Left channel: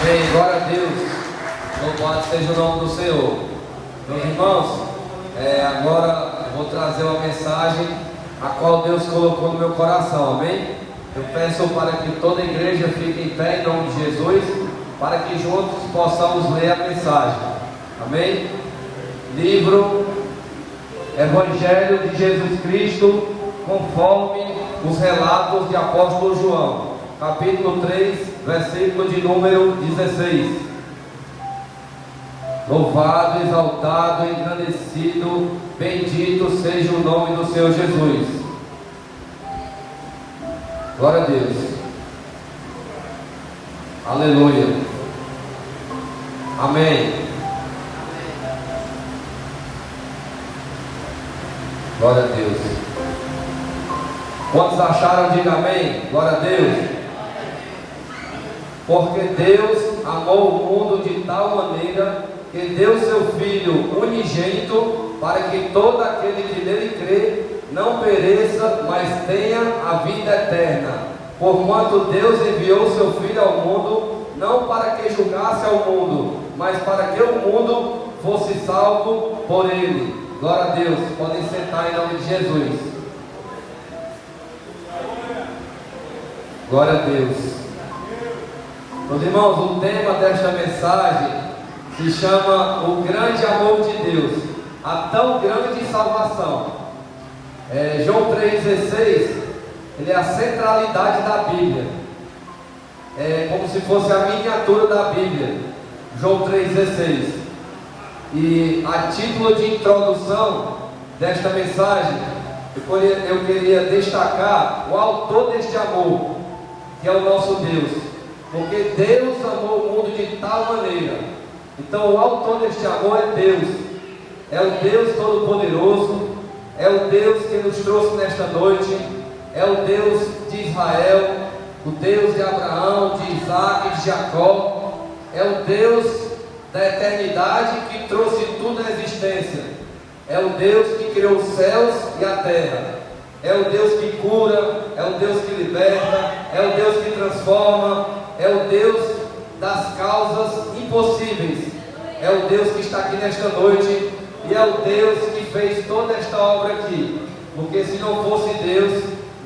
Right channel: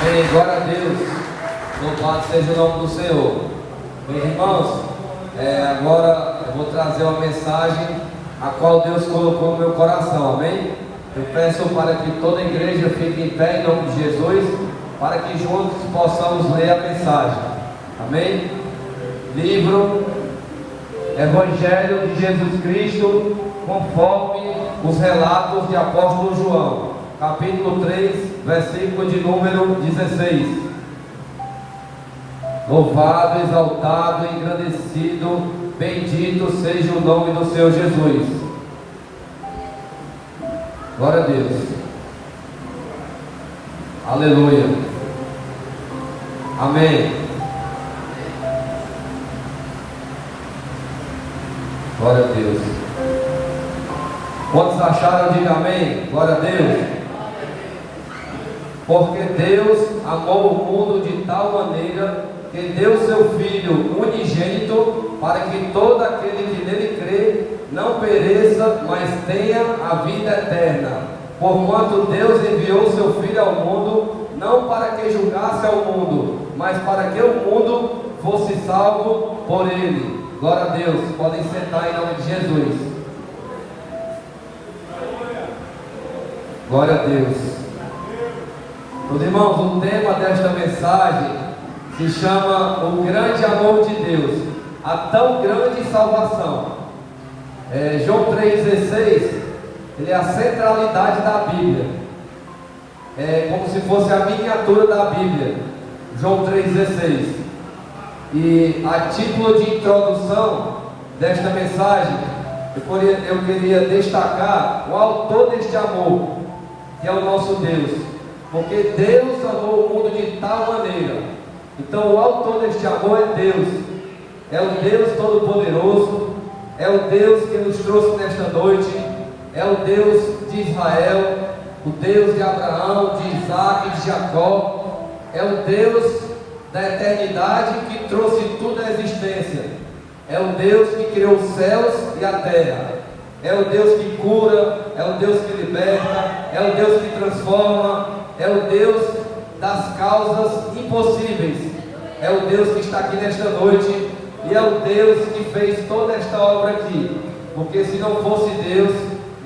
Amém, glória a Deus. Louvado seja o nome do Senhor. Meus irmãos, agora eu vou trazer uma mensagem a qual Deus colocou no meu coração, amém? Eu peço para que toda a igreja fique em pé em nome de Jesus, para que juntos possamos ler a mensagem, amém? Livro Evangelho de Jesus Cristo, conforme os relatos de apóstolo João, capítulo 3, versículo de número 16. Louvado, exaltado, engrandecido, bendito seja o nome do Senhor Jesus. Glória a Deus. Aleluia. Amém. Glória a Deus. Quantos acharam? Diga amém. Glória a Deus. Porque Deus amou o mundo de tal maneira que deu seu Filho unigênito, para que todo aquele que nele crê não pereça, mas tenha a vida eterna. Porquanto Deus enviou seu Filho ao mundo, não para que julgasse ao mundo, mas para que o mundo fosse salvo por ele. Glória a Deus. Podem sentar em nome de Jesus. Glória a Deus. Meus irmãos, o tema desta mensagem se chama O Grande Amor de Deus, a tão grande salvação. João 3,16, ele é a centralidade da Bíblia. É como se fosse a miniatura da Bíblia. João 3,16. E a título de introdução desta mensagem, eu queria destacar o autor deste amor, que é o nosso Deus. Porque Deus amou o mundo de tal maneira. Então o autor deste amor é Deus. É o Deus Todo-Poderoso. É o Deus que nos trouxe nesta noite. É o Deus de Israel, o Deus de Abraão, de Isaac e de Jacó. É o Deus da eternidade que trouxe tudo à existência. É o Deus que criou os céus e a terra. É o Deus que cura, é o Deus que liberta, é o Deus que transforma, é o Deus das causas impossíveis. É o Deus que está aqui nesta noite e é o Deus que fez toda esta obra aqui. Porque se não fosse Deus,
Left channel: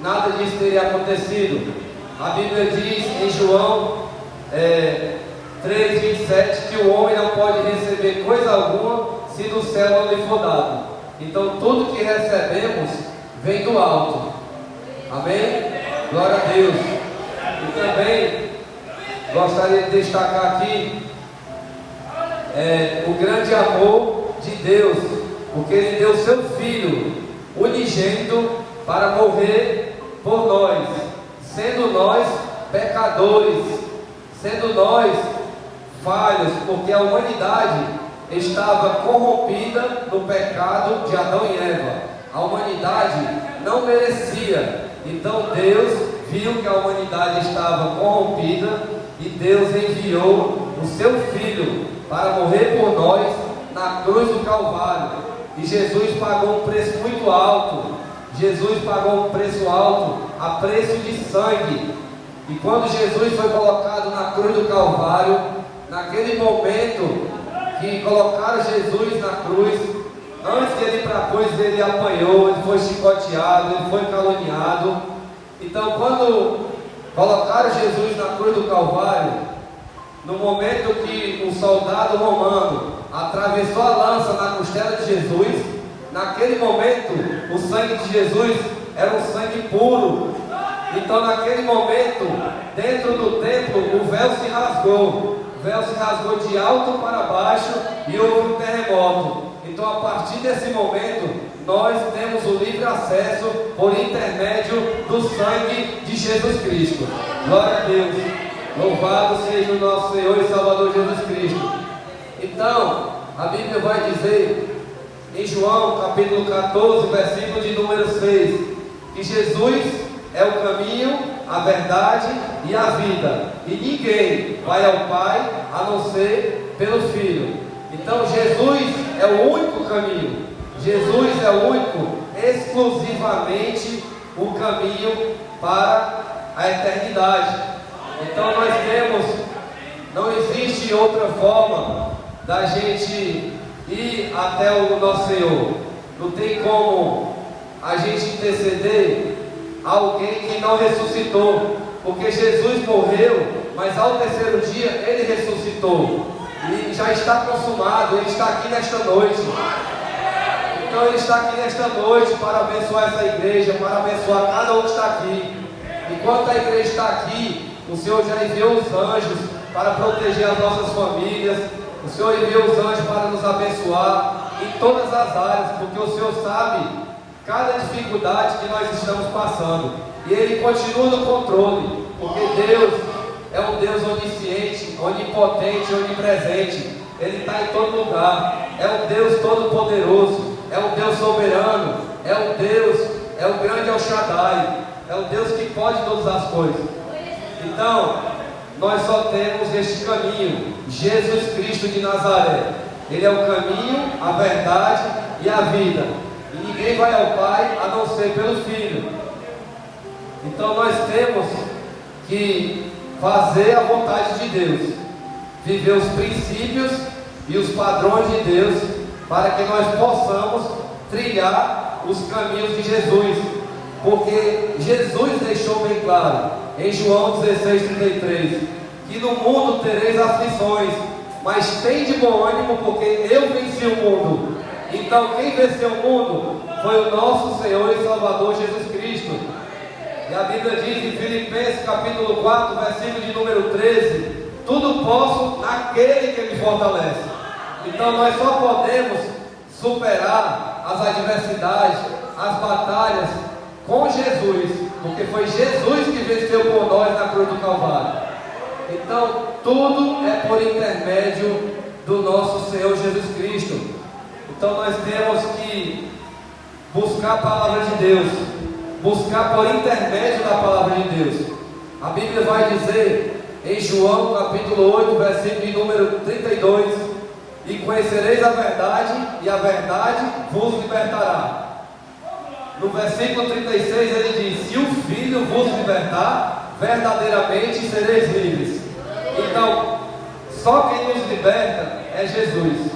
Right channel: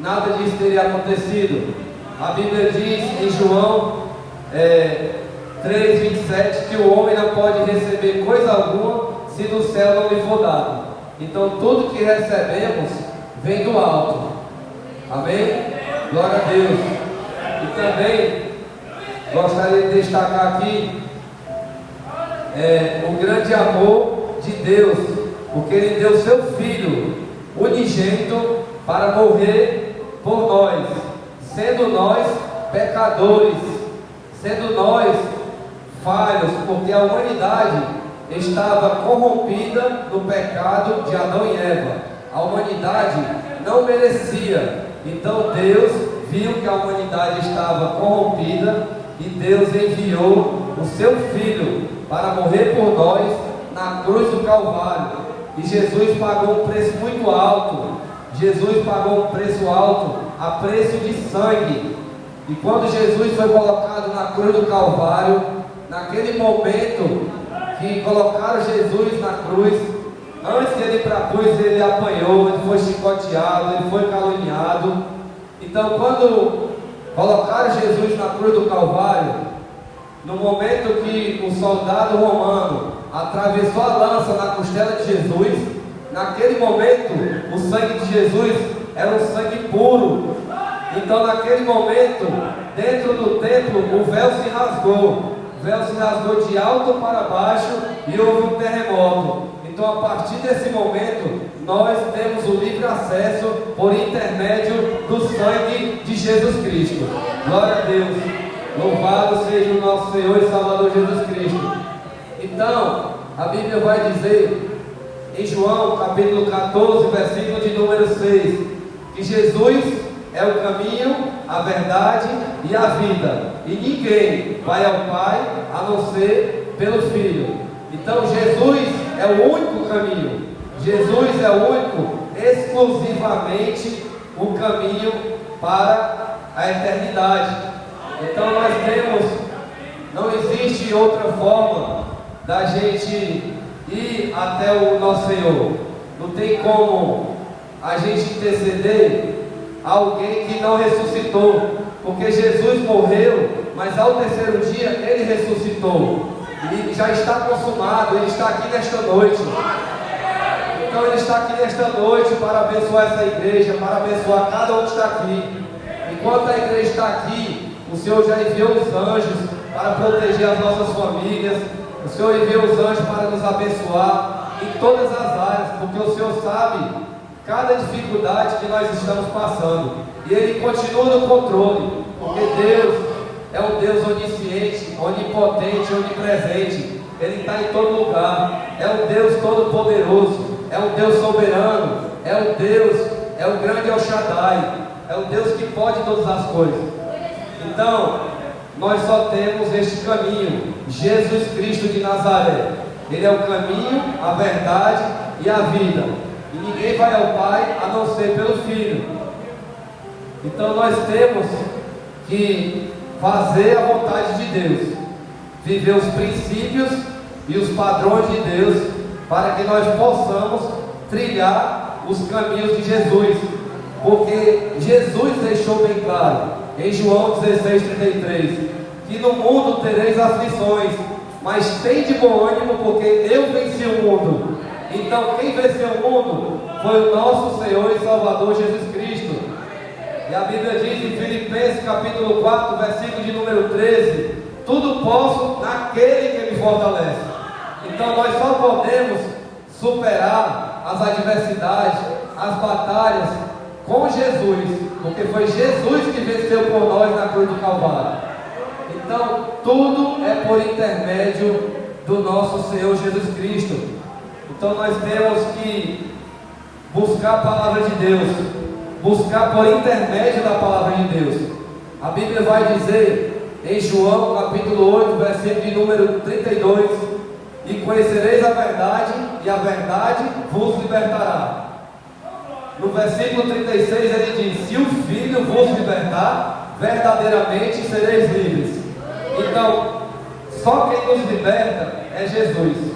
nada disso teria acontecido. A Bíblia diz em João 3,27 que o homem não pode receber coisa alguma se do céu não lhe for dado. Então tudo que recebemos vem do alto. Amém? Glória a Deus. E também gostaria de destacar aqui o grande amor de Deus, porque Ele deu seu Filho unigênito para morrer por nós, sendo nós pecadores, sendo nós falhos, porque a humanidade estava corrompida no pecado de Adão e Eva. A humanidade não merecia. Então Deus viu que a humanidade estava corrompida e Deus enviou o seu Filho para morrer por nós na cruz do Calvário. E Jesus pagou um preço muito alto. Jesus pagou um preço alto, a preço de sangue. E quando Jesus foi colocado na cruz do Calvário, naquele momento que colocaram Jesus na cruz, antes de ele ir para a cruz, ele apanhou, ele foi chicoteado, ele foi caluniado. Então, quando colocaram Jesus na cruz do Calvário, no momento que o soldado romano atravessou a lança na costela de Jesus, naquele momento, o sangue de Jesus era um sangue puro. Então, naquele momento, dentro do templo, o véu se rasgou. O véu se rasgou de alto para baixo e houve um terremoto. Então, a partir desse momento, nós temos o livre acesso por intermédio do sangue de Jesus Cristo. Glória a Deus. Louvado seja o nosso Senhor e Salvador Jesus Cristo. Então, a Bíblia vai dizer em João capítulo 14, versículo de número 6, que Jesus é o caminho, a verdade e a vida, e ninguém vai ao Pai a não ser pelo Filho. Então Jesus é o único caminho. Jesus é o único, exclusivamente o caminho para a eternidade. Então nós temos, não existe existe outra forma da gente ir até o nosso Senhor. Não tem como a gente interceder alguém que não ressuscitou, porque Jesus morreu, mas ao terceiro dia Ele ressuscitou, e já está consumado. Ele está aqui nesta noite. Então Ele está aqui nesta noite para abençoar essa igreja, para abençoar cada um que está aqui. Enquanto a igreja está aqui, o Senhor já enviou os anjos para proteger as nossas famílias. O Senhor enviou os anjos para nos abençoar em todas as áreas, porque o Senhor sabe cada dificuldade que nós estamos passando, e Ele continua no controle, porque Deus é um Deus onisciente, onipotente, onipresente. Ele está em todo lugar. É um Deus todo-poderoso, é um Deus soberano, é um Deus, é o grande El Shaddai, é o Deus que pode todas as coisas. Então, nós só temos este caminho, Jesus Cristo de Nazaré. Ele é o caminho, a verdade e a vida, e ninguém vai ao Pai a não ser pelo Filho. Então nós temos que fazer a vontade de Deus, viver os princípios e os padrões de Deus, para que nós possamos trilhar os caminhos de Jesus, porque Jesus deixou bem claro em João 16:33, que no mundo tereis aflições, mas tem de bom ânimo, porque eu venci o mundo. Então quem venceu o mundo foi o nosso Senhor e Salvador Jesus Cristo. E a Bíblia diz em Filipenses capítulo 4, versículo de número 13: tudo posso naquele que me fortalece. Então nós só podemos superar as adversidades, as batalhas com Jesus, porque foi Jesus que venceu por nós na cruz do Calvário. Então tudo é por intermédio do nosso Senhor Jesus Cristo. Então nós temos que buscar a palavra de Deus, buscar por intermédio da palavra de Deus. A Bíblia vai dizer em João capítulo 8, versículo de número 32: e conhecereis a verdade, e a verdade vos libertará. No versículo 36 ele diz: se o Filho vos libertar, verdadeiramente sereis livres. Então, só quem nos liberta é Jesus.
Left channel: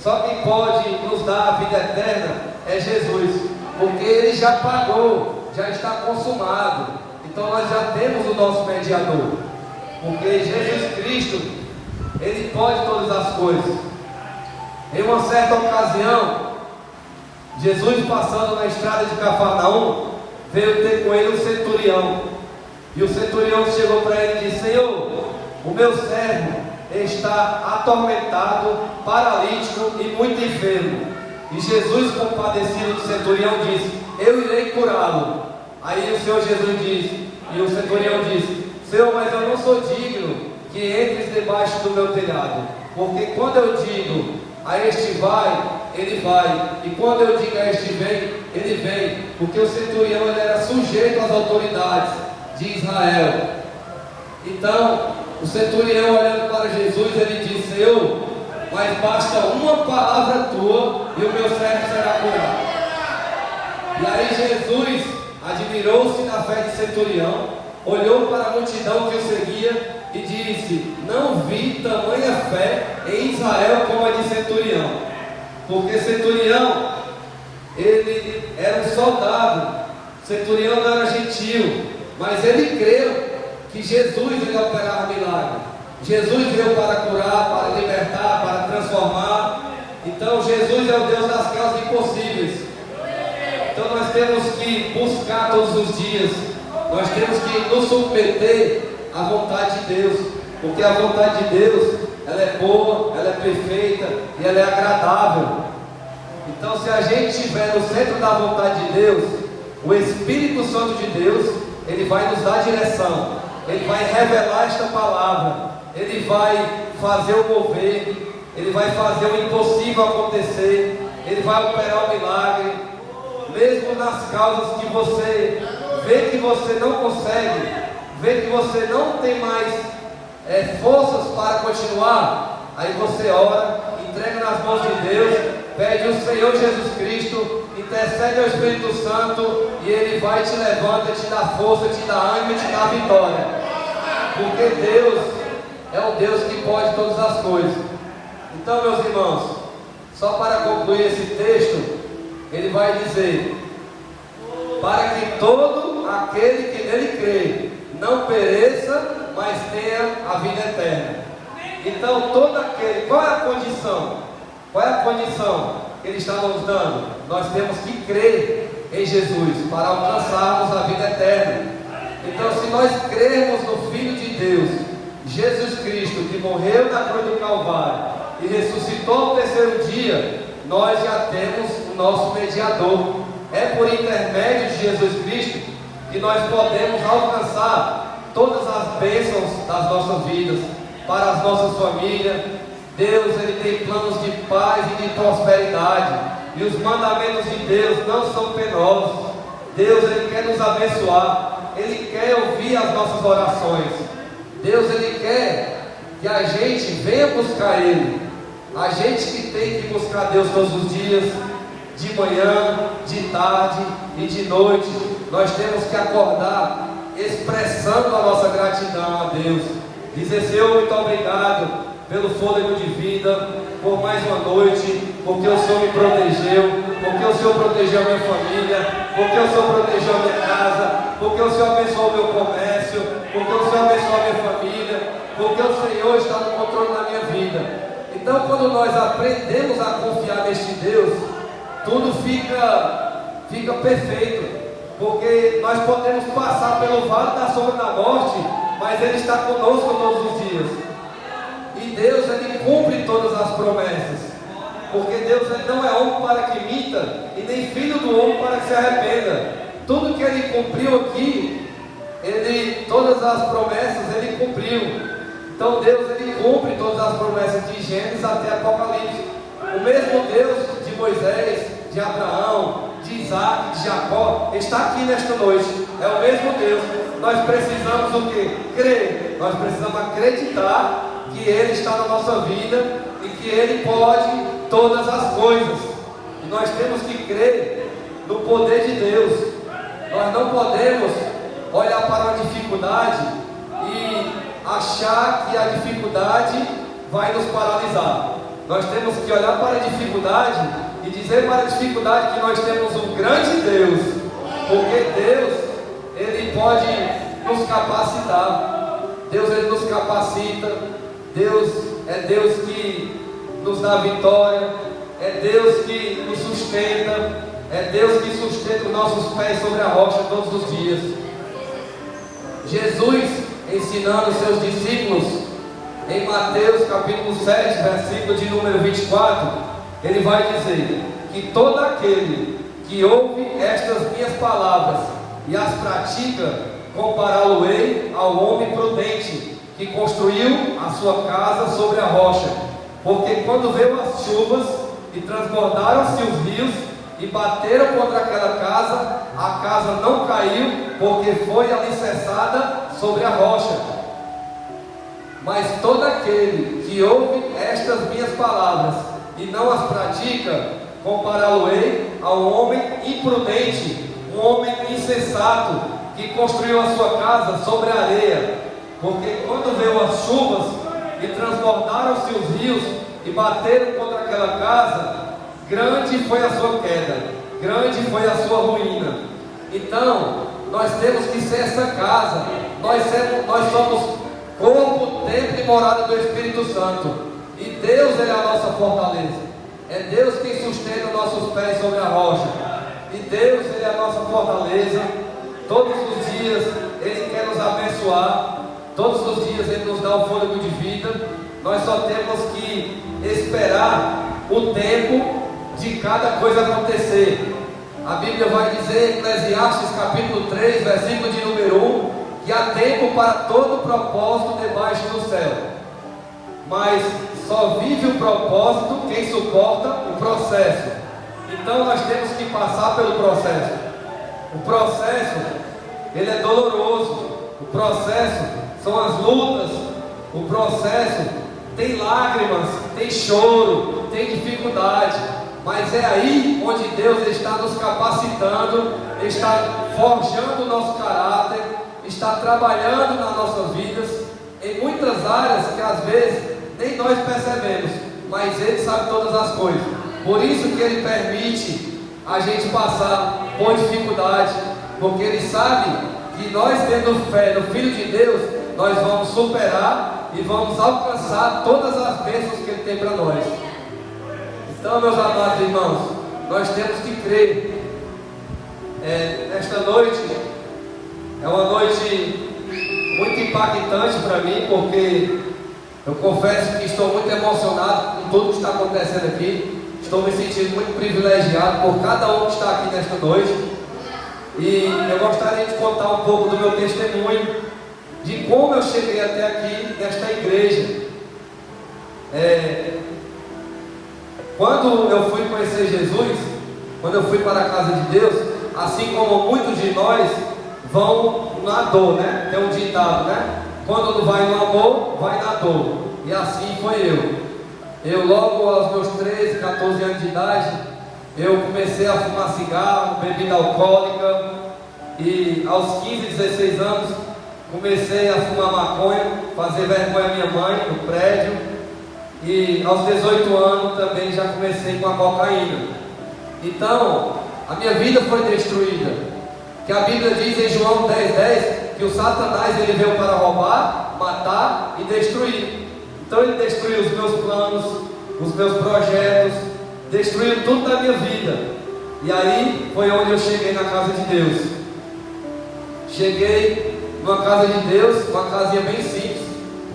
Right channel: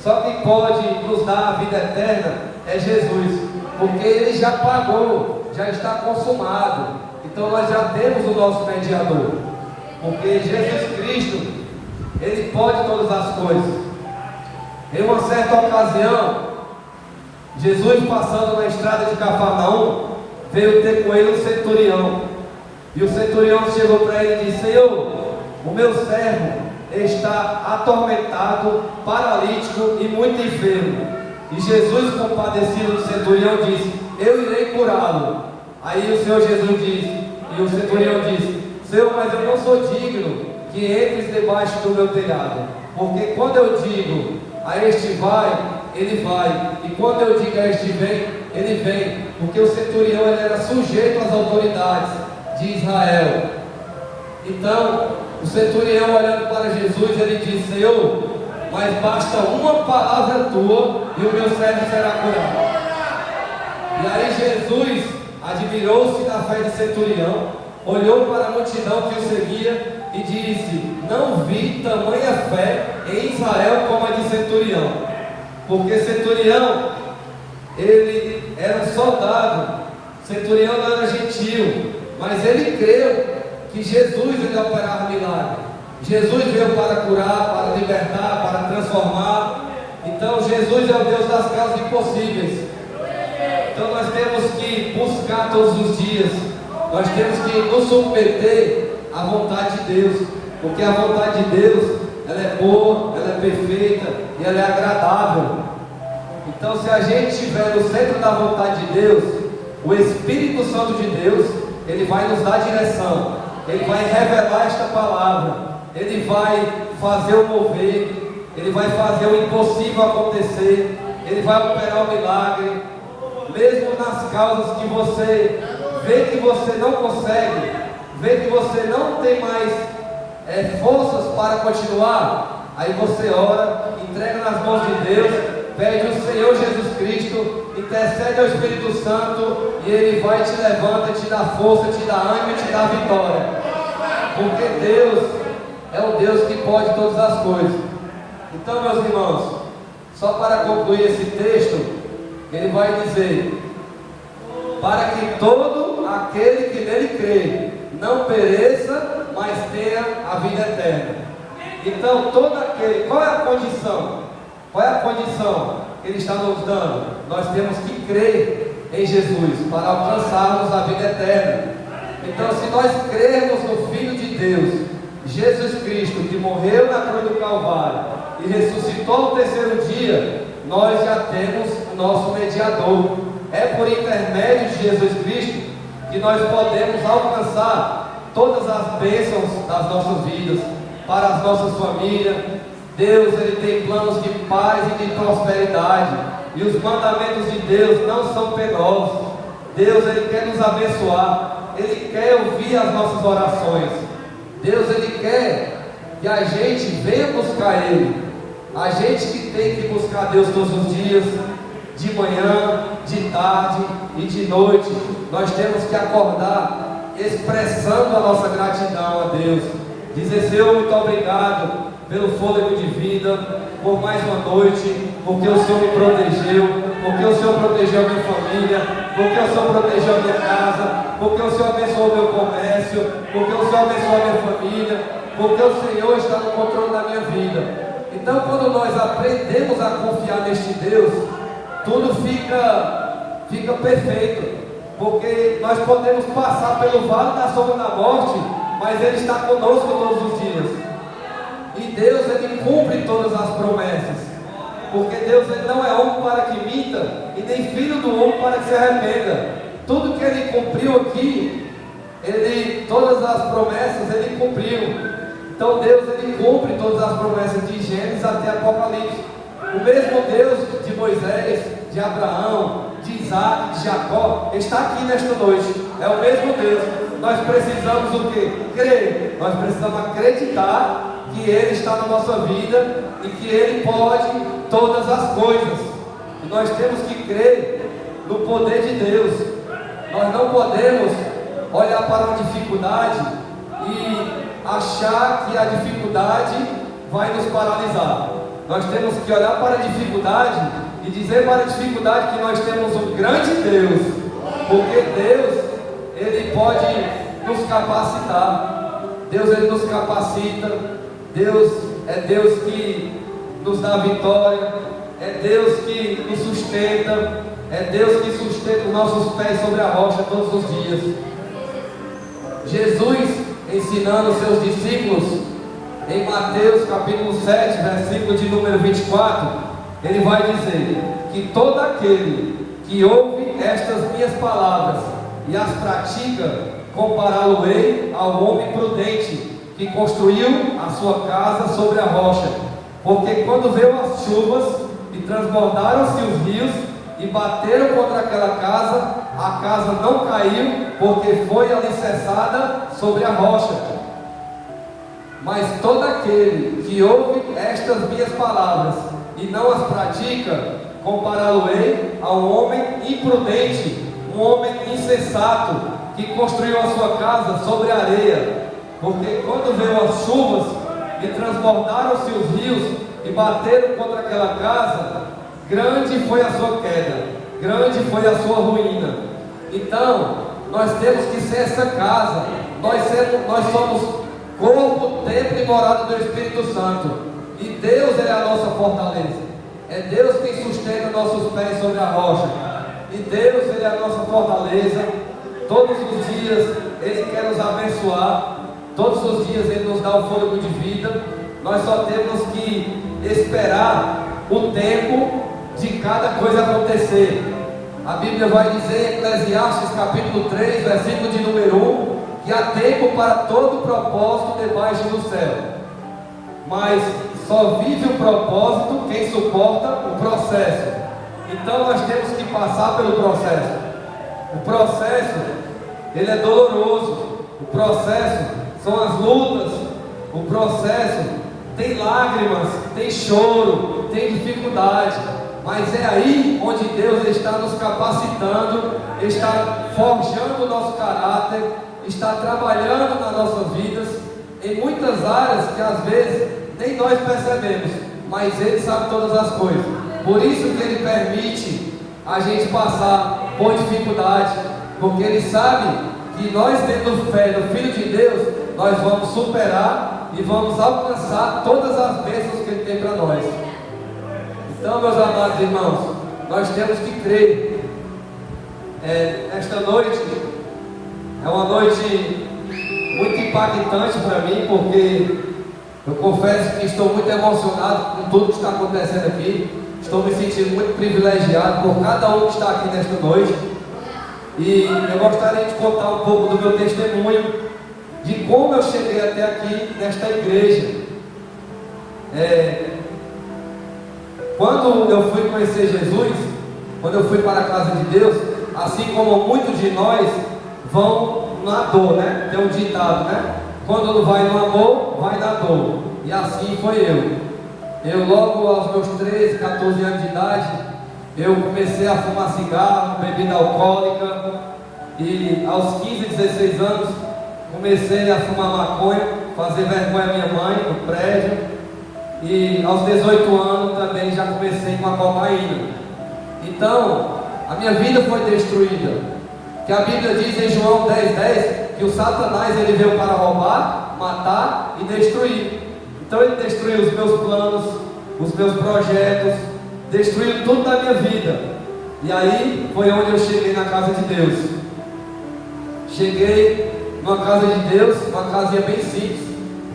Só quem pode nos dar a vida eterna é Jesus, porque Ele já pagou, já está consumado. Então nós já temos o nosso mediador, porque Jesus Cristo, Ele pode todas as coisas. Em uma certa ocasião, Jesus passando na estrada de Cafarnaum, veio ter com ele um centurião. E o centurião chegou para ele e disse: Senhor, o meu servo está atormentado, paralítico e muito enfermo. E Jesus, compadecido do centurião, disse: eu irei curá-lo. Aí o Senhor Jesus disse, e o centurião disse: Senhor, mas eu não sou digno que entres debaixo do meu telhado, porque quando eu digo a este vai, ele vai, e quando eu digo a este vem, ele vem. Porque o centurião, ele era sujeito às autoridades de Israel. Então o centurião, olhando para Jesus, ele disse: Senhor, mas basta uma palavra tua e o meu servo será curado. E aí Jesus admirou-se da fé de centurião, olhou para a multidão que o seguia e disse: não vi tamanha fé em Israel como a de centurião. Porque centurião, ele era um soldado, centurião não era gentil, mas ele creu que Jesus iria operar milagre. Jesus veio para curar, para libertar, para transformar. Então Jesus é o Deus das causas impossíveis. Então nós temos que buscar todos os dias, nós temos que nos submeter à vontade de Deus, porque a vontade de Deus, ela é boa, ela é perfeita e ela é agradável. Então se a gente estiver no centro da vontade de Deus, o Espírito Santo de Deus, ele vai nos dar direção, ele vai revelar esta palavra, ele vai fazer o mover, ele vai fazer o impossível acontecer, ele vai operar o milagre, mesmo nas causas que você vê que você não consegue, vê que você não tem mais forças para continuar. Aí você ora, entrega nas mãos de Deus, pede ao Senhor Jesus Cristo, intercede ao Espírito Santo, e Ele vai, te levanta, te dá força, te dá ânimo e te dá vitória. Porque Deus é o Deus que pode todas as coisas. Então, meus irmãos, só para concluir esse texto, ele vai dizer: para que todo aquele que nele crê não pereça, mas tenha a vida eterna. Então, todo aquele, qual é a condição? Qual é a condição que ele está nos dando? Nós temos que crer em Jesus para alcançarmos a vida eterna. Então, se nós crermos no Filho de Deus, Jesus Cristo, que morreu na cruz do Calvário e ressuscitou no terceiro dia, nós já temos o nosso mediador. É por intermédio de Jesus Cristo que nós podemos alcançar todas as bênçãos das nossas vidas, para as nossas famílias. Deus, Ele tem planos de paz e de prosperidade, e os mandamentos de Deus não são penosos. Deus, Ele quer nos abençoar, Ele quer ouvir as nossas orações. Deus, Ele quer que a gente venha buscar Ele. A gente que tem que buscar Deus todos os dias, de manhã, de tarde e de noite, nós temos que acordar expressando a nossa gratidão a Deus. Dizer: Senhor, muito obrigado pelo fôlego de vida, por mais uma noite, porque o Senhor me protegeu, porque o Senhor protegeu a minha família, porque o Senhor protegeu a minha casa, porque o Senhor abençoou o meu comércio, porque o Senhor abençoou a minha família, porque o Senhor está no controle da minha vida. Então, quando nós aprendemos a confiar neste Deus, tudo fica perfeito, porque nós podemos passar pelo vale da sombra da morte, mas Ele está conosco todos os dias. E Deus, Ele cumpre todas as promessas, porque Deus, Ele não é homem para que minta, e nem filho do homem para que se arrependa. Tudo que Ele cumpriu aqui, todas as promessas Ele cumpriu. Então Deus, Ele cumpre todas as promessas de Gênesis até Apocalipse. O mesmo Deus de Moisés, de Abraão, de Isaac, de Jacó, está aqui nesta noite. É o mesmo Deus. Nós precisamos o quê? Crer. Nós precisamos acreditar que Ele está na nossa vida e que Ele pode todas as coisas. E nós temos que crer no poder de Deus. Nós não podemos olhar para uma dificuldade e achar que a dificuldade vai nos paralisar. Nós temos que olhar para a dificuldade e dizer para a dificuldade que nós temos um grande Deus, porque Deus, Ele pode nos capacitar. Deus, Ele nos capacita. Deus é Deus que nos dá vitória, é Deus que nos sustenta, é Deus que sustenta os nossos pés sobre a rocha todos os dias. Jesus, ensinando seus discípulos, em Mateus capítulo 7, versículo de número 24, Ele vai dizer que todo aquele que ouve estas minhas palavras e as pratica, compará-lo-ei ao homem prudente, que construiu a sua casa sobre a rocha. Porque quando veio as chuvas e transbordaram-se os rios e bateram contra aquela casa, a casa não caiu, porque foi alicerçada sobre a rocha. Mas todo aquele que ouve estas minhas palavras e não as pratica, compará-lo-ei a um homem imprudente, um homem insensato, que construiu a sua casa sobre a areia. Porque quando veio as chuvas e transbordaram-se os rios e bateram contra aquela casa, grande foi a sua queda, grande foi a sua ruína. Então, nós temos que ser essa casa. Nós somos corpo, templo e morada do Espírito Santo. E Deus, Ele é a nossa fortaleza. É Deus quem sustenta nossos pés sobre a rocha. E Deus, Ele é a nossa fortaleza. Todos os dias Ele quer nos abençoar. Todos os dias Ele nos dá o fôlego de vida. Nós só temos que esperar o tempo de cada coisa acontecer. A Bíblia vai dizer em Eclesiastes capítulo 3, versículo de número 1, que há tempo para todo propósito debaixo do céu, mas só vive o propósito quem suporta o processo. Então nós temos que passar pelo processo. O processo, ele é doloroso. O processo são as lutas. O processo tem lágrimas, tem choro, tem dificuldade. Mas é aí onde Deus está nos capacitando, está forjando o nosso caráter, está trabalhando nas nossas vidas, em muitas áreas que às vezes nem nós percebemos, mas Ele sabe todas as coisas. Por isso que Ele permite a gente passar por dificuldade, porque Ele sabe que nós, tendo fé no Filho de Deus, nós vamos superar e vamos alcançar todas as bênçãos que Ele tem para nós. Então, meus amados irmãos, nós temos que crer. Esta noite é uma noite muito impactante para mim, porque eu confesso que estou muito emocionado com tudo que está acontecendo aqui. Estou me sentindo muito privilegiado por cada um que está aqui nesta noite. E eu gostaria de contar um pouco do meu testemunho, de como eu cheguei até aqui nesta igreja. Quando eu fui conhecer Jesus, quando eu fui para a casa de Deus, assim como muitos de nós vão na dor, né? Tem um ditado, né? Quando não vai no amor, vai na dor. E assim foi eu. Eu logo aos meus 13, 14 anos de idade, eu comecei a fumar cigarro, bebida alcoólica. E aos 15, 16 anos, comecei a fumar maconha, fazer vergonha à minha mãe no prédio. E aos 18 anos também já comecei com a cocaína. Então, a minha vida foi destruída. Que a Bíblia diz em João 10:10 que o Satanás ele veio para roubar, matar e destruir. Então ele destruiu os meus planos, os meus projetos, destruiu tudo da minha vida. E aí foi onde eu cheguei na casa de Deus. Cheguei numa casa de Deus, uma casinha bem simples,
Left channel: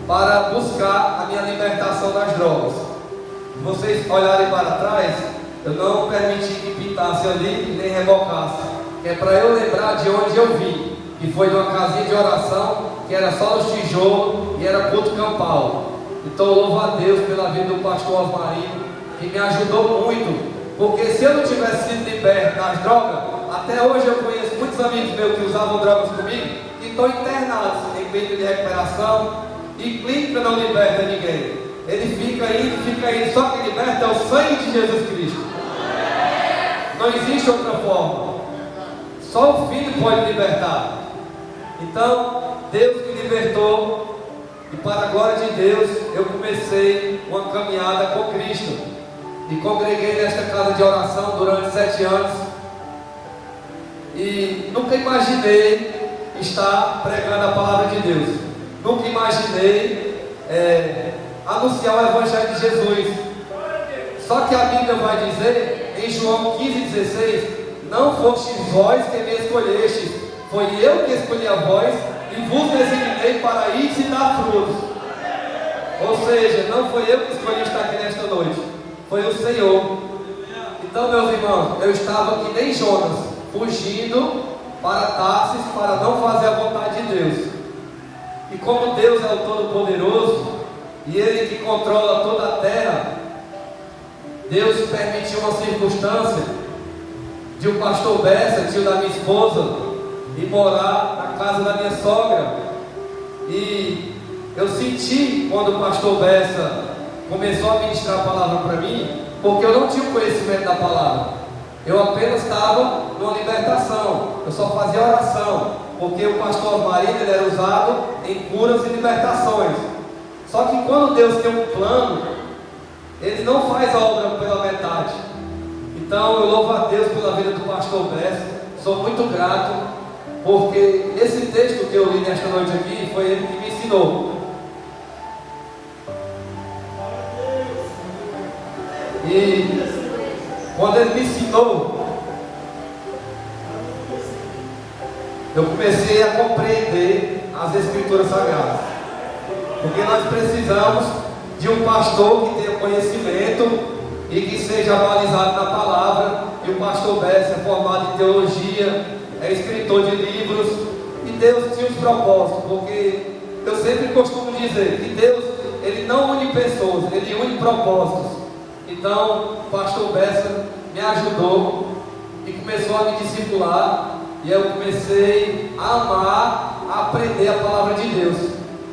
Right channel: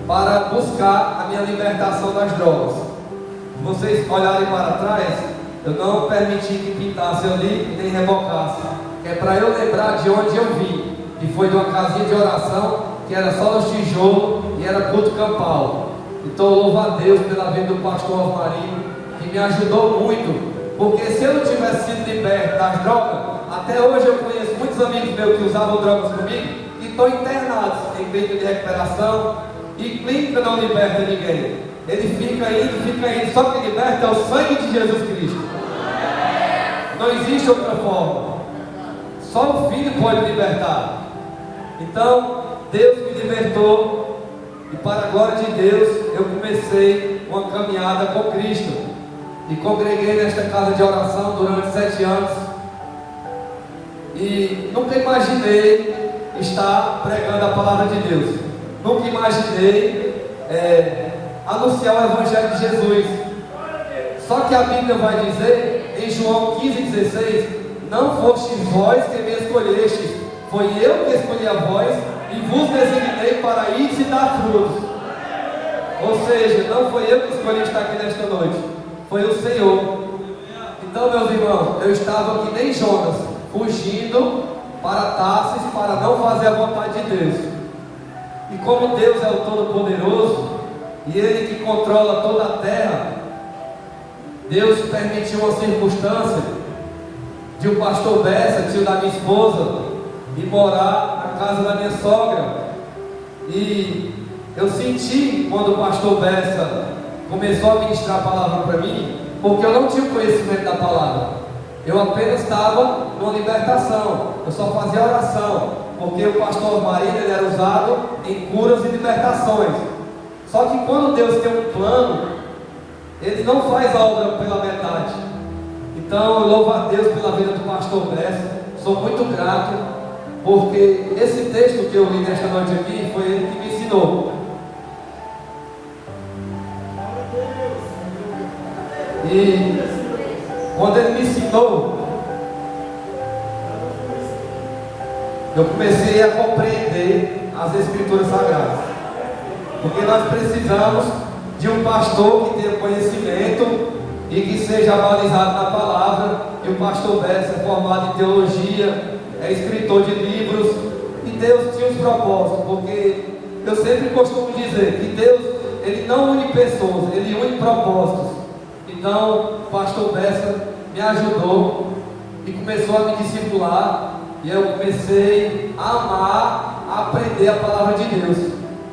para buscar a minha libertação das drogas. Se vocês olharem para trás, eu não permiti que pintasse ali nem revocasse. É para eu lembrar de onde eu vim. E foi de uma casinha de oração que era só nos tijolos e era culto campal. Então eu louvo a Deus pela vida do pastor Osmarino, que me ajudou muito. Porque se eu não tivesse sido liberto das drogas, até hoje eu conheço muitos amigos meus que usavam drogas comigo e estão internados em clínica de recuperação. E clínica não liberta ninguém. Ele fica indo, só que liberta é o sangue de Jesus Cristo. Não existe outra forma. Só o Filho pode libertar. Então, Deus me libertou. E para a glória de Deus, eu comecei uma caminhada com Cristo. E congreguei nesta casa de oração durante 7 anos. E nunca imaginei estar pregando a palavra de Deus. Nunca imaginei anunciar o Evangelho de Jesus. Só que a Bíblia vai dizer em João 15:16: não fostes vós que me escolhestes, foi eu que escolhi a vós e vos designei para ir e dar frutos. Ou seja, não foi eu que escolhi estar aqui nesta noite, foi o Senhor. Então, meus irmãos, eu estava que nem Jonas, fugindo para Tarsis para não fazer a vontade de Deus. E como Deus é o Todo-Poderoso e Ele que controla toda a terra, Deus permitiu uma circunstância de o pastor Bessa, tio da minha esposa, ir morar na casa da minha sogra. E eu senti quando o pastor Bessa começou a ministrar a palavra para mim, porque eu não tinha o conhecimento da palavra. Eu apenas estava numa libertação, eu só fazia oração, porque o pastor Marino ele era usado em curas e libertações. Só que quando Deus tem um plano, Ele não faz a obra pela metade. Então eu louvo a Deus pela vida do pastor Bessa, sou muito grato, porque esse texto que eu li nesta noite aqui, foi ele que me ensinou. E quando ele me ensinou, eu comecei a compreender as Escrituras Sagradas. Porque nós precisamos de um pastor que tenha conhecimento e que seja balizado na palavra. E o pastor Bessa é formado em teologia, é escritor de livros, e Deus tinha os propósitos, porque eu sempre costumo dizer que Deus, Ele não une pessoas, Ele une propósitos. Então, o pastor Bessa me ajudou e começou a me discipular, e eu comecei a amar, a aprender a palavra de Deus.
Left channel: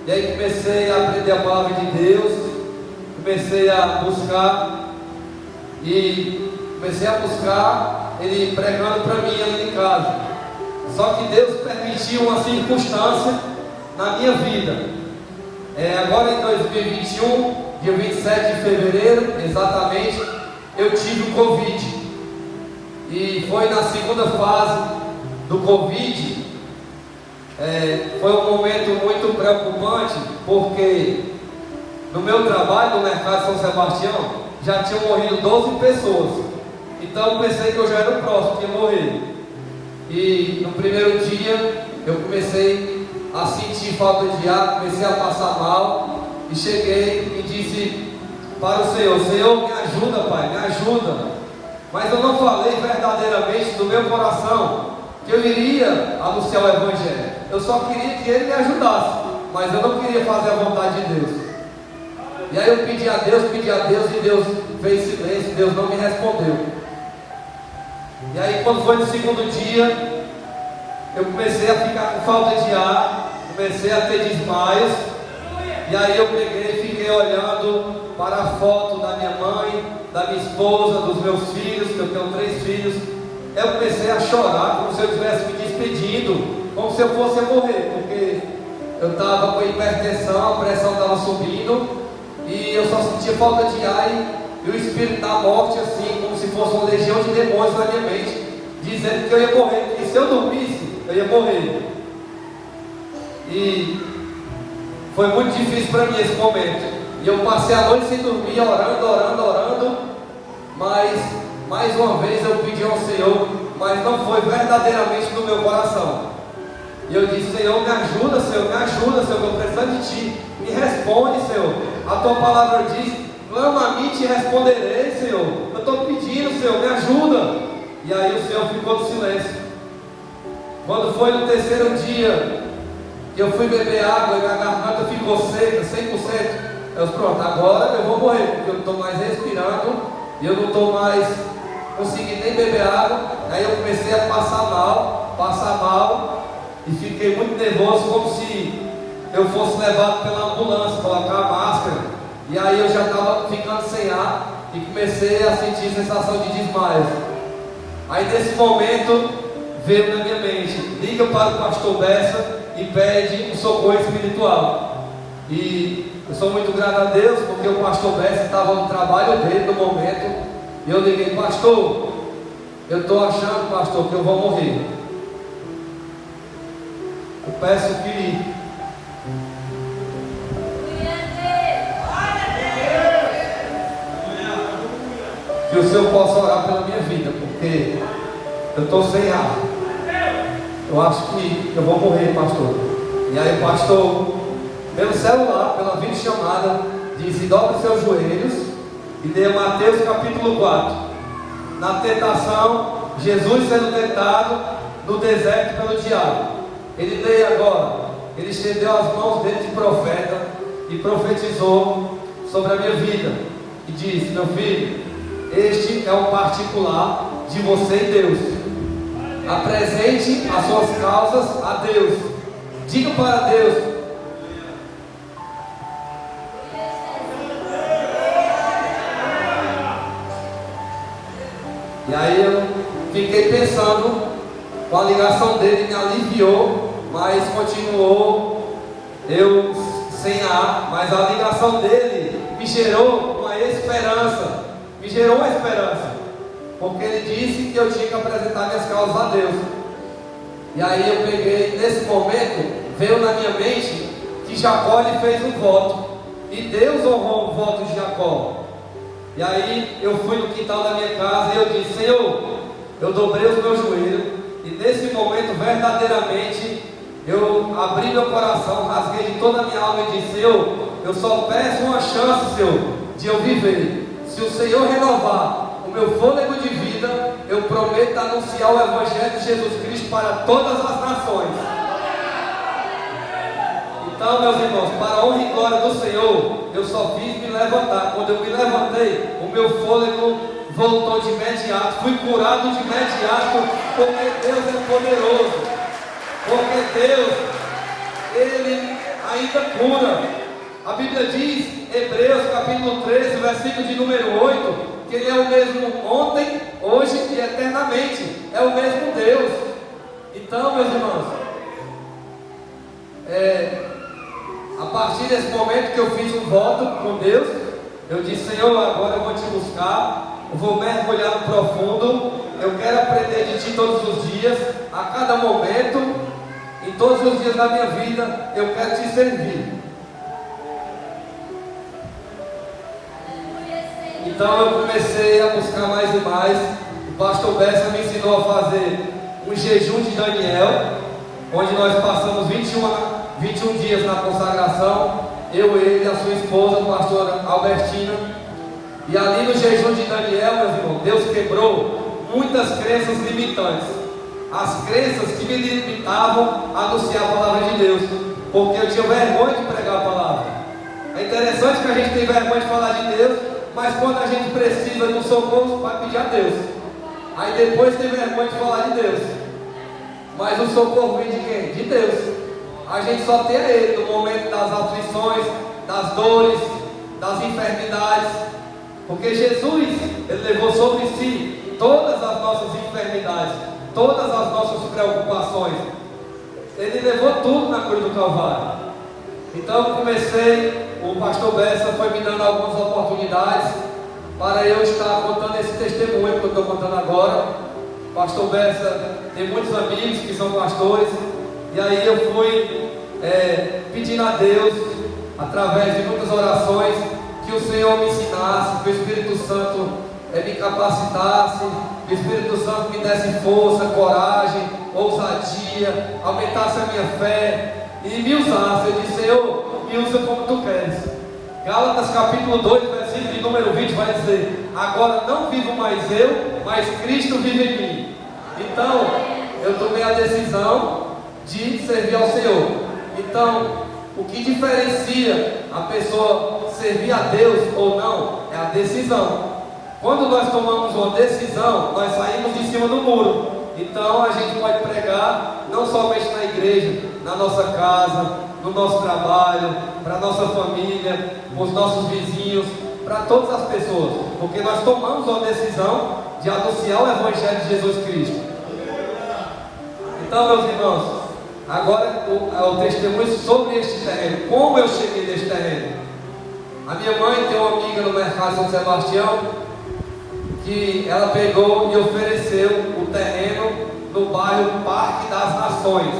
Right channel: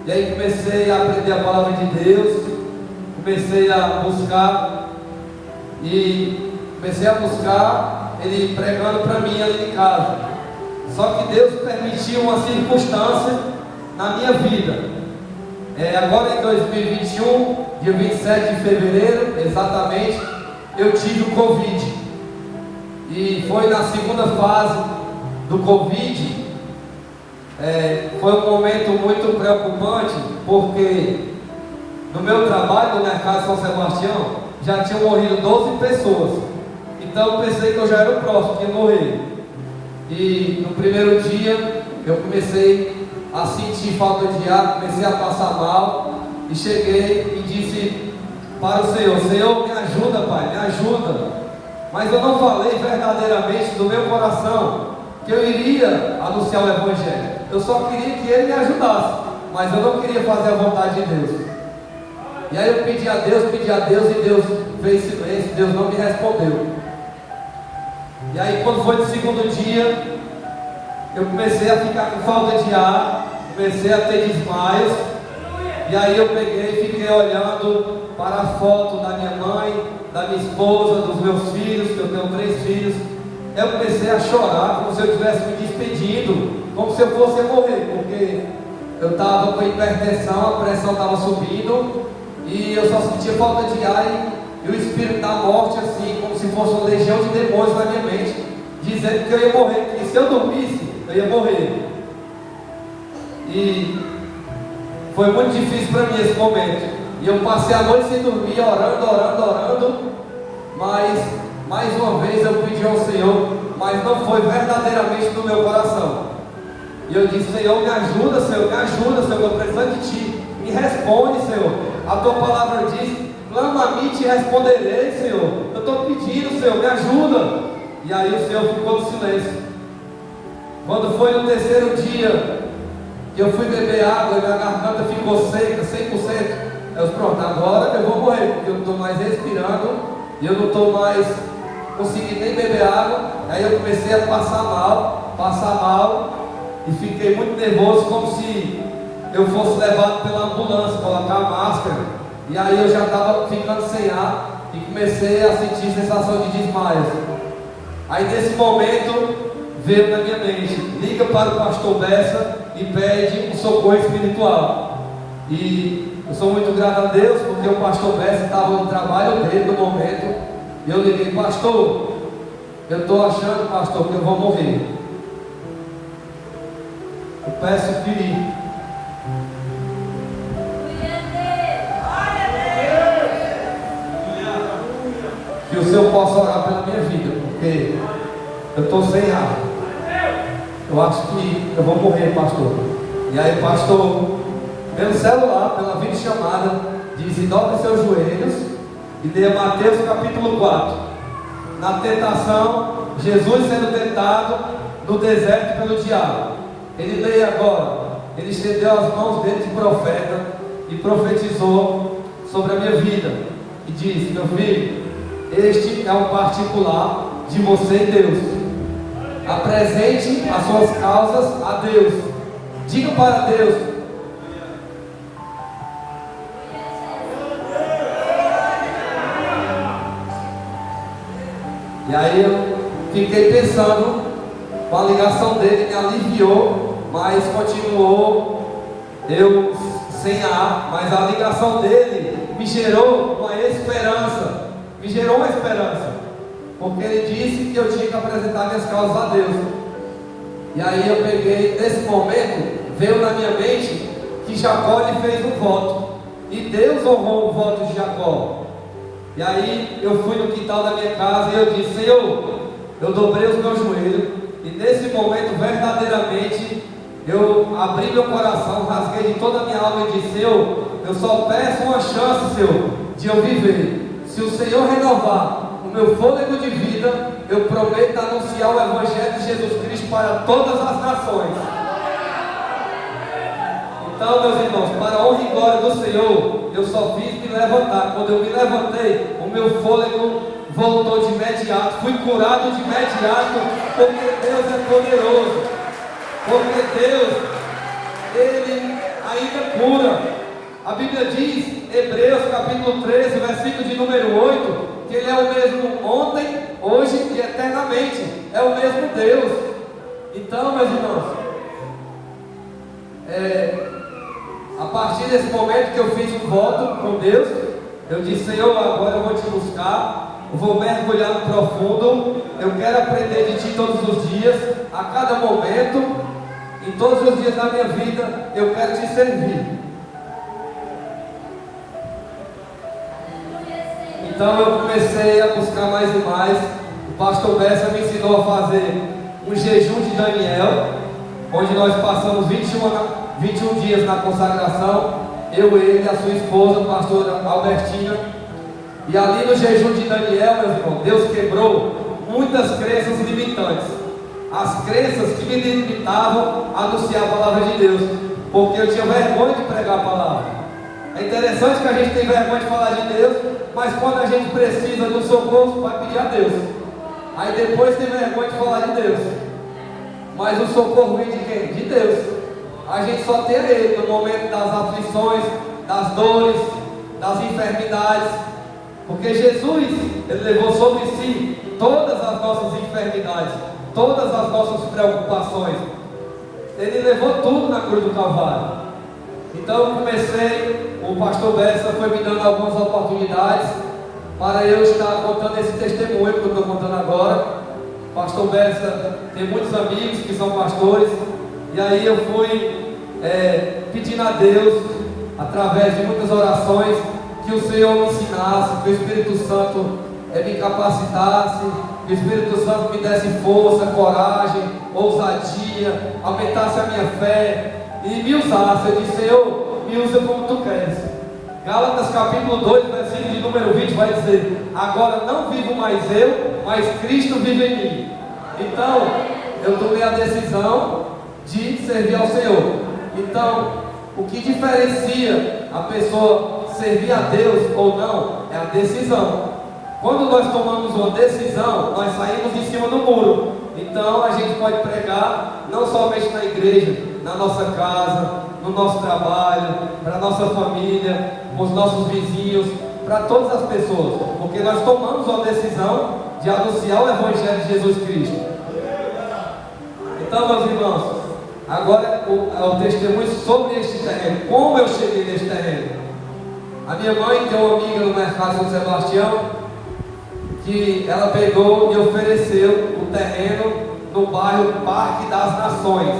E aí comecei a aprender a palavra de Deus, comecei a buscar, ele pregando para mim ali em casa. Só que Deus permitiu uma circunstância na minha vida. Agora em 2021, dia 27 de fevereiro, exatamente, eu tive o Covid. E foi na segunda fase do Covid. Foi um momento muito preocupante, porque no meu trabalho no mercado de São Sebastião já tinham morrido 12 pessoas. Então eu pensei que eu já era o próximo que ia morrer. E no primeiro dia eu comecei a sentir falta de ar, comecei a passar mal. E cheguei e disse para o Senhor: Senhor, me ajuda, Pai, me ajuda. Mas eu não falei verdadeiramente do meu coração que eu iria anunciar o Evangelho. Eu só queria que Ele me ajudasse, mas eu não queria fazer a vontade de Deus. E aí eu pedi a Deus, e Deus fez silêncio, Deus não me respondeu. E aí quando foi no segundo dia, eu comecei a ficar com falta de ar, comecei a ter desmaios. E aí eu peguei e fiquei olhando para a foto da minha mãe, da minha esposa, dos meus filhos, que eu tenho 3 filhos. Eu comecei a chorar, como se eu estivesse me despedindo, como se eu fosse morrer, porque eu estava com hipertensão, a pressão estava subindo, e eu só sentia falta de ar, e o espírito da morte, assim, como se fosse uma legião de demônios na minha mente, dizendo que eu ia morrer, que se eu dormisse, eu ia morrer. E foi muito difícil para mim esse momento. E eu passei a noite sem dormir, orando. Mas, mais uma vez, eu pedi ao Senhor, mas não foi verdadeiramente do meu coração. E eu disse: Senhor, me ajuda, Senhor, eu estou precisando de Ti. Me responde, Senhor. A Tua palavra diz: clama a mim e te responderei, Senhor. Eu estou pedindo, Senhor, me ajuda. E aí o Senhor ficou no silêncio. Quando foi no terceiro dia, eu fui beber água e minha garganta ficou seca, 100%. Eu disse: pronto, agora eu vou morrer, porque eu não estou mais respirando, e eu não estou mais conseguindo nem beber água. Aí eu comecei a passar mal, e fiquei muito nervoso, como se eu fosse levado pela ambulância, colocar a máscara. E aí eu já estava ficando sem ar, e comecei a sentir sensação de desmaio. Aí nesse momento veio na minha mente: liga para o pastor Bessa e pede um socorro espiritual. E eu sou muito grato a Deus, porque o pastor Bessa estava no trabalho dele no momento. E eu liguei: pastor, eu estou achando, pastor, que eu vou morrer. Eu peço que o Senhor possa orar pela minha vida, porque eu estou sem ar. Eu acho que eu vou morrer, pastor. E aí o pastor, pelo celular, pela videochamada, diz: dobra seus joelhos e dê Mateus capítulo 4. Na tentação, Jesus sendo tentado no deserto pelo diabo. Ele lê agora: ele estendeu as mãos dele de profeta e profetizou sobre a minha vida. E disse: meu filho, este é um particular de você e Deus. Apresente as suas causas a Deus. Diga para Deus. E aí eu fiquei pensando, com a ligação dele me aliviou, mas continuou eu sem ar. Mas a ligação dele me gerou uma esperança. Porque ele disse que eu tinha que apresentar minhas causas a Deus. E aí eu peguei, nesse momento, veio na minha mente que Jacó lhe fez um voto, e Deus honrou o voto de Jacó. E aí eu fui no quintal da minha casa e eu disse: Senhor, eu dobrei os meus joelhos, e nesse momento verdadeiramente eu abri meu coração, rasguei de toda a minha alma e disse: Senhor, eu só peço uma chance, Senhor, de eu viver. Se o Senhor renovar o meu fôlego de vida, eu prometo anunciar o Evangelho de Jesus Cristo para todas as nações. Então, meus irmãos, para a honra e glória do Senhor, eu só fiz me levantar. Quando eu me levantei, o meu fôlego voltou de imediato. Fui curado de imediato, porque Deus é poderoso. Porque Deus, Ele ainda cura. A Bíblia diz, Hebreus capítulo 13, versículo de número 8, que Ele é o mesmo ontem, hoje e eternamente. É o mesmo Deus. Então, meus irmãos, A partir desse momento que eu fiz um voto com Deus, eu disse: Senhor, agora eu vou te buscar, eu vou mergulhar no profundo, eu quero aprender de Ti todos os dias, a cada momento, em todos os dias da minha vida, eu quero Te servir. Então eu comecei a buscar mais e mais. O pastor Bessa me ensinou a fazer um jejum de Daniel, onde nós passamos 21 dias na consagração, ele e a sua esposa, a pastora Albertina. E ali no jejum de Daniel, meus irmãos, Deus quebrou muitas crenças limitantes. As crenças que me limitavam a anunciar a palavra de Deus, porque eu tinha vergonha de pregar a palavra. É interessante que a gente tem vergonha de falar de Deus, mas quando a gente precisa de um socorro, vai pedir a Deus. Aí depois tem vergonha de falar de Deus. Mas o socorro vem de quem? De Deus. A gente só tem Ele no momento das aflições, das dores, das enfermidades. Porque Jesus, Ele levou sobre si todas as nossas enfermidades, todas as nossas preocupações. Ele levou tudo na cruz do Calvário. Então eu comecei, o pastor Bessa foi me dando algumas oportunidades para eu estar contando esse testemunho que eu estou contando agora. O pastor Bessa tem muitos amigos que são pastores, e aí eu fui pedindo a Deus, através de muitas orações, que o Senhor me ensinasse, que o Espírito Santo me capacitasse, que o Espírito Santo me desse força, coragem, ousadia, aumentasse a minha fé e me usasse. Eu disse: Senhor, me usa como Tu queres. Gálatas capítulo 2, versículo de número 20 vai dizer: agora não vivo mais eu, mas Cristo vive em mim. Então, eu tomei a decisão de servir ao Senhor. Então, o que diferencia a pessoa servir a Deus ou não é a decisão. Quando nós tomamos uma decisão, nós saímos de cima do muro. Então a gente pode pregar não somente na igreja, na nossa casa, no nosso trabalho, para a nossa família, com os nossos vizinhos, para todas as pessoas, porque nós tomamos uma decisão de anunciar o Evangelho de Jesus Cristo. Então, meus irmãos, agora o testemunho sobre este terreno, como eu cheguei neste terreno. A minha mãe tem uma amiga no mercado São Sebastião, que ela pegou e ofereceu o terreno no bairro Parque das Nações.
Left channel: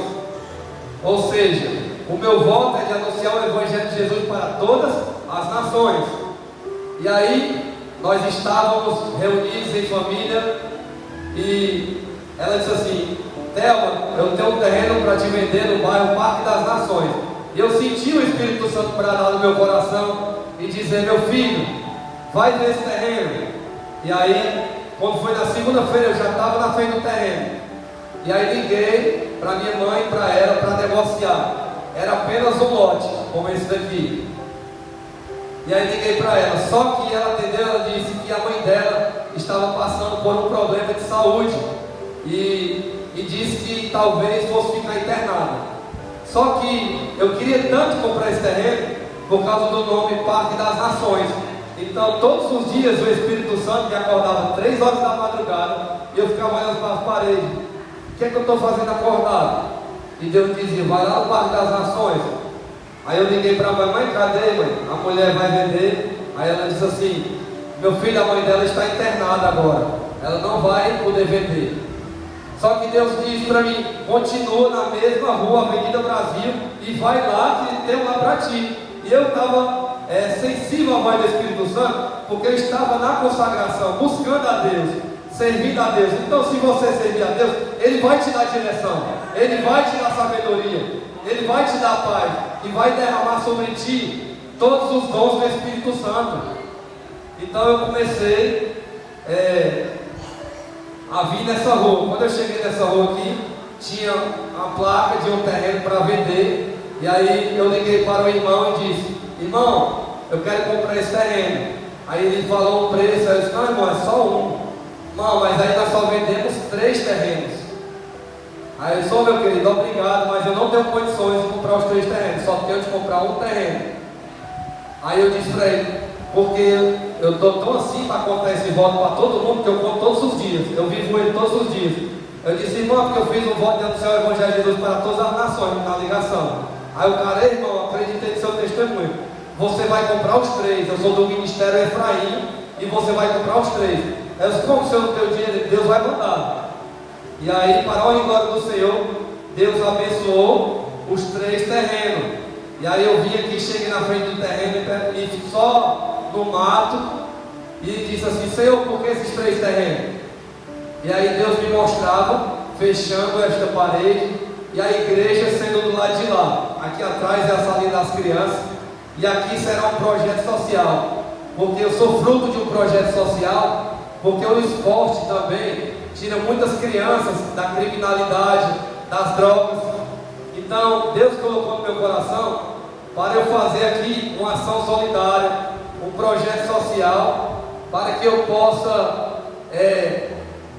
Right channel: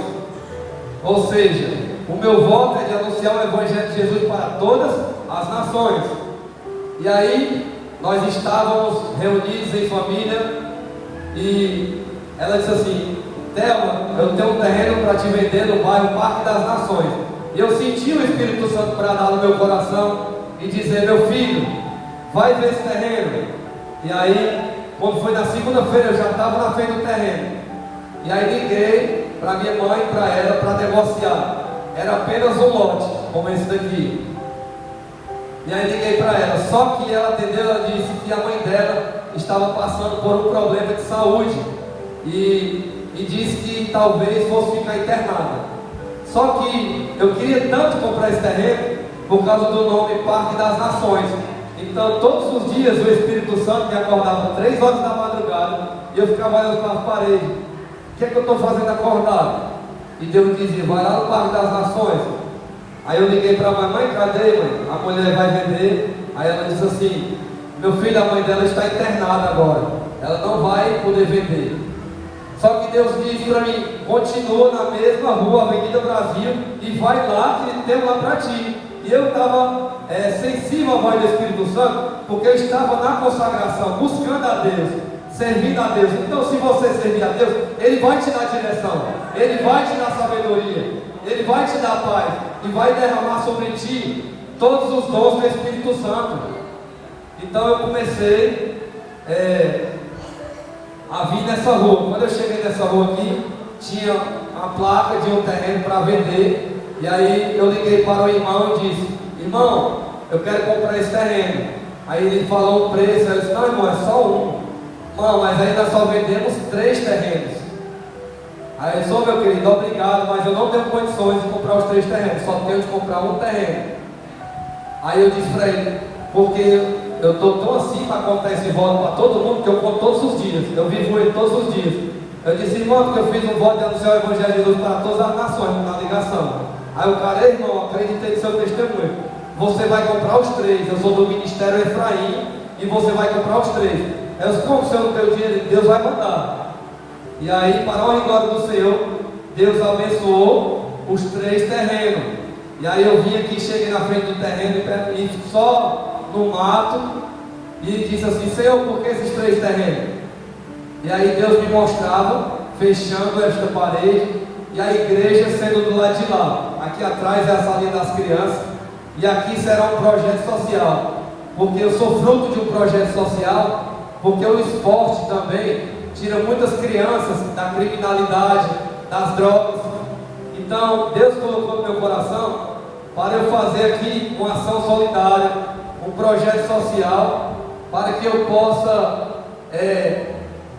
Ou seja, o meu voto é de anunciar o Evangelho de Jesus para todas as nações. E aí, nós estávamos reunidos em família, e ela disse assim: Thelma, eu tenho um terreno para te vender no bairro Parque das Nações. E eu senti o Espírito Santo bradar no meu coração e dizer: meu filho, vai ver esse terreno. E aí, quando foi na segunda-feira, eu já estava na frente do terreno. E aí liguei para minha mãe e para ela para negociar. Era apenas um lote, como esse daqui. E aí liguei para ela, só que ela atendeu, ela disse que a mãe dela estava passando por um problema de saúde. E disse que talvez fosse ficar internada. Só que eu queria tanto comprar esse terreno por causa do nome Parque das Nações. Então todos os dias o Espírito Santo me acordava 3 horas da madrugada e eu ficava olhando para as paredes. O que é que eu estou fazendo acordado? E Deus dizia: vai lá no Parque das Nações. Aí eu liguei para a mãe: cadê, mãe? A mulher vai vender. Aí ela disse assim: meu filho, a mãe dela está internada agora, ela não vai poder vender. Só que Deus disse para mim: continua na mesma rua, Avenida Brasil, e vai lá que tem lá para ti. E eu estava sensível à voz do Espírito Santo, porque eu estava na consagração, buscando a Deus, servindo a Deus. Então, se você servir a Deus, Ele vai te dar direção, Ele vai te dar sabedoria, Ele vai te dar paz, e vai derramar sobre ti todos os dons do Espírito Santo. Então eu comecei a vir nessa rua. Quando eu cheguei nessa rua aqui, tinha a placa de um terreno para vender. E aí eu liguei para o irmão e disse: irmão, eu quero comprar esse terreno. Aí ele falou um preço. Eu disse: não, irmão, é só um. Irmão, mas aí nós só vendemos 3 terrenos. Aí eu disse: ô, meu querido, obrigado, mas eu não tenho condições de comprar os 3 terrenos, só tenho de comprar um terreno. Aí eu disse para ele: porque eu estou tão assim para contar esse voto para todo mundo, que eu conto todos os dias, eu vivo ele todos os dias. Eu disse: irmão, porque eu fiz um voto de anunciar o Evangelho de Jesus para todas as nações na ligação. Aí o cara, irmão, acreditei no seu testemunho. Você vai comprar os 3. Eu sou do Ministério Efraim e você vai comprar os 3. Eu disse, como o senhor não tem o dinheiro? Deus vai mandar. E aí, para a glória do Senhor, Deus abençoou os 3 terrenos. E aí eu vim aqui, cheguei na frente do terreno e só no mato e disse assim, Senhor, por que esses 3 terrenos? E aí Deus me mostrava, fechando esta parede e a igreja sendo do lado de lá. Aqui atrás é a salinha das crianças e aqui será um projeto social, porque eu sou fruto de um projeto social, porque o esporte também tira muitas crianças da criminalidade, das drogas. Então Deus colocou no meu coração para eu fazer aqui uma ação solidária, um projeto social, para que eu possa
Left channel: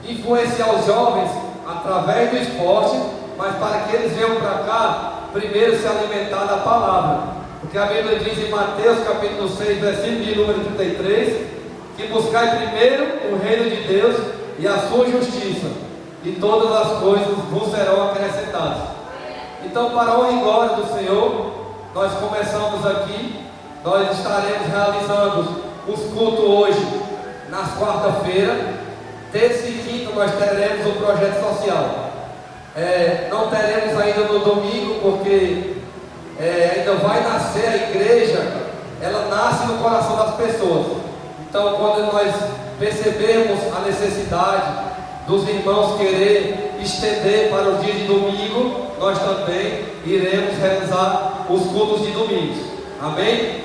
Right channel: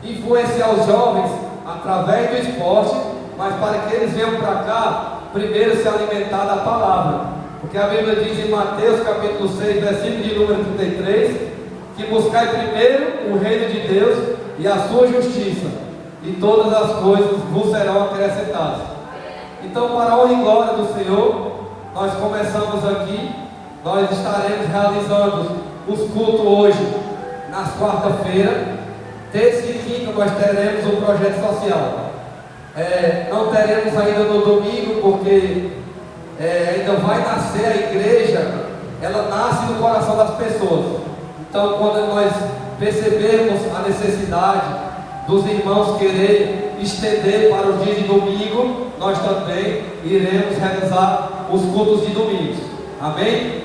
influenciar os jovens através do esporte, mas para que eles venham para cá, primeiro se alimentar da palavra, porque a Bíblia diz em Mateus capítulo 6, versículo de número 33, que buscai primeiro o reino de Deus e a sua justiça, e todas as coisas vos serão acrescentadas. Então, para a honra e glória do Senhor, nós começamos aqui, nós estaremos realizando os cultos hoje, nas quarta-feiras, terça e quinta nós teremos um projeto social. Não teremos ainda no domingo, porque ainda vai nascer a igreja, ela nasce no coração das pessoas. Então, quando nós percebermos a necessidade dos irmãos querer estender para o dia de domingo, nós também iremos realizar os cultos de domingo. Amém?